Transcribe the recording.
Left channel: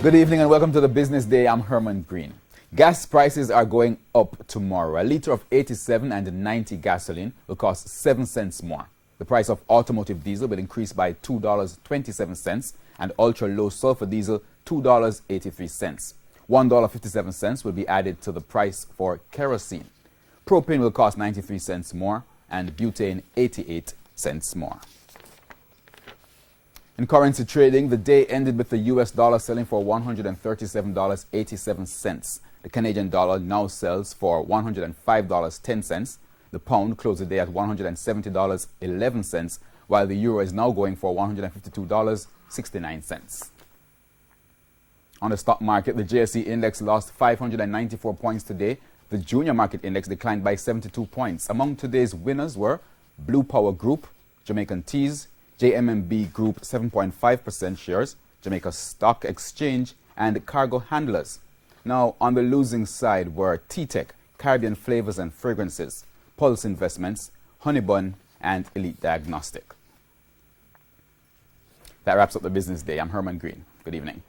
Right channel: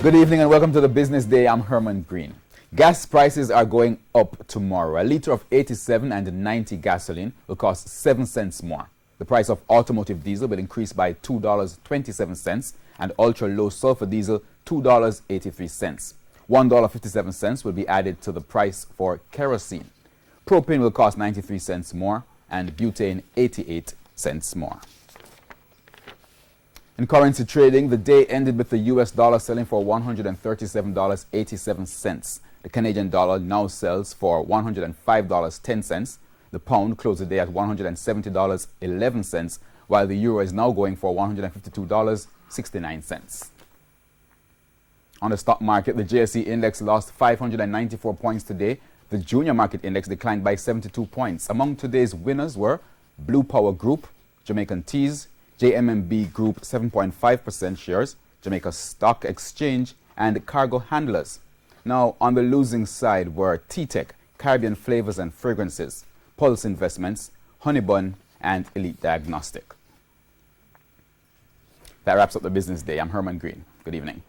Good evening and welcome to the Business Day. I'm Herman Green. Gas prices are going up tomorrow. A litre of 87 and 90 gasoline will cost 7 cents more. The price of automotive diesel will increase by $2.27 and ultra-low sulfur diesel $2.83. $1.57 will be added to the price for kerosene. Propane will cost 93 cents more and butane 88 cents more. In currency trading, the day ended with the US dollar selling for $137.87. The Canadian dollar now sells for $105.10. The pound closed the day at $170.11, while the euro is now going for $152.69. On the stock market, the JSE index lost 594 points today. The junior market index declined by 72 points. Among today's winners were Blue Power Group, Jamaican Teas, JMMB Group 7.5% shares, Jamaica Stock Exchange, and Cargo Handlers. Now, on the losing side were T-Tech, Caribbean Flavors and Fragrances, Pulse Investments, Honeybun, and Elite Diagnostic. That wraps up the Business Day. I'm Herman Green. Good evening.